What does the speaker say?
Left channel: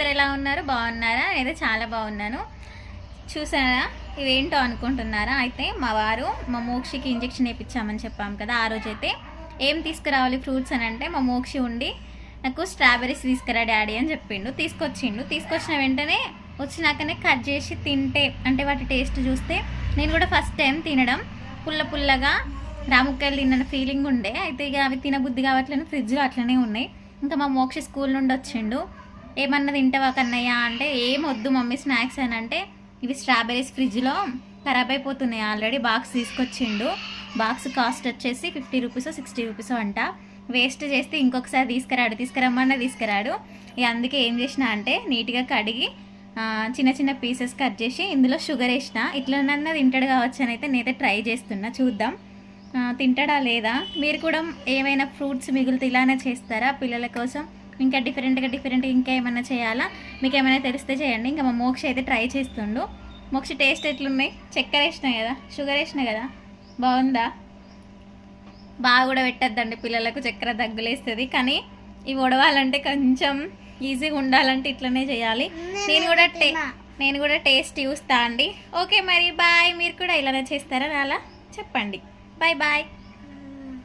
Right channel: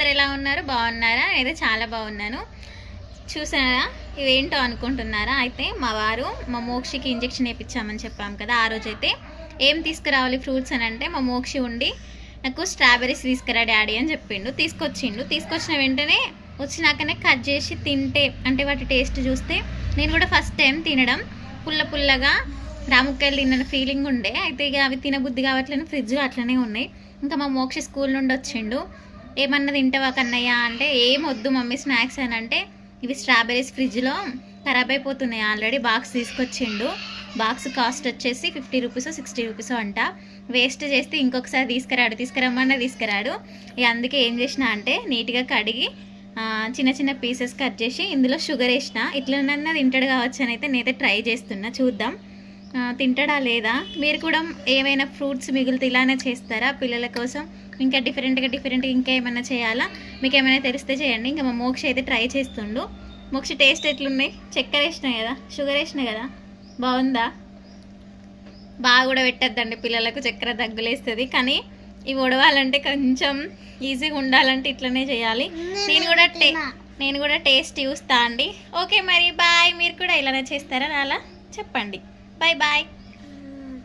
అందరు ఎలా ఉన్నారు? బాగున్నారా? నేనైతే చాలా బాగున్నాను. చూసారా ఇవేంటో అనుకుంటున్నారా? అయితే మా వారు మా మోక్షికి ఇంజెక్షన్ వేయించామని చెప్పాము కదా. ఆ రోజైతే ఏం తీసుకురావాలి ఫ్రూట్స్ అని అంటే మా మోక్షి ఉండి నాకు స్ట్రాబెర్రీస్ తీసుకురా డాడీ అని చెప్పిండు. తీసుకొచ్చిన వెంటనే వచ్చినాకనే కట్ చేసి తింటే అంటే వాటి టేస్ట్ చూస్తే నేను కూడా ఫస్ట్ టైం తినడం పుల్లగా రాముక్కలు తిన్న ఫీలింగ్ ఉండే. అయితే ఇక అవి తినబుద్ధి కావట్లేదు, ఫ్రిడ్జ్లో అట్లనే ఉన్నాయి. ఇంకా మా మోక్షి స్కూల్ నుండి వచ్చిండు. ఏమన్నా తింటావా కన్నయ్య అంటే ఏం వద్దు మమ్మీ స్నాక్స్ అని అంటే ఇవి స్ట్రాబెర్రీస్ ఫ్రిడ్జ్లో ఖరాబ్ అయిపోతున్నాయి ఆల్రెడీ. బాక్స్ తీసుకొచ్చిండు. బాక్స్ కాస్ట్ వచ్చేసి 50 రూపీస్ 60 రూపీస్ అంట. వేస్ట్ చేస్తే ఇంకొకసారి తీసుకురమ్మన్నా తీసుకురాడు. ఇక అందుకే ఏం చేసిన అంటే నీట్గా కడిగి చిన్న పీసెస్ కట్ చేసి ఇందులో షుగర్ వేసిన. ఇట్లనన్నా తింటాడు కావచ్చు అని అయితే నేనైతే ట్రై చేస్తున్నా, చూద్దాం తింటాడా లేదా. మీరు కూడా ఏమైనా ఫ్రూట్స్ మిగిలితే ఇలానే చేస్తారా పిల్లల కోసం? ఇంకా డిఫరెంట్గా ఇంకా ఏమైనా చేయాలా? మీకు ఏమైనా తెలిస్తే చేయండి. ఇంకా మా మోక్ష అయితే ట్రై చేస్తుండు. మోక్ష టేస్ట్ ఎట్లున్నాయి? చక్కెర వేసినా కదా, షుగర్ వేసినా కదా, బాగుందా? బాగా కూడా పెట్టద్దండి పిల్లలకు, చక్కెర దగ్గులేస్తుంది. కానీ ఇవి వడవాలంటే కొంచెం ఈజీగా ఉండాలంటే ఇట్లనే చేయాలి. నేను కూడా టేస్ట్ చూస్తా అండి. ఓకే మరి బాయ్. మీరు కూడా ఇలానే చేస్తారా అలా చెప్పండి. బాయ్.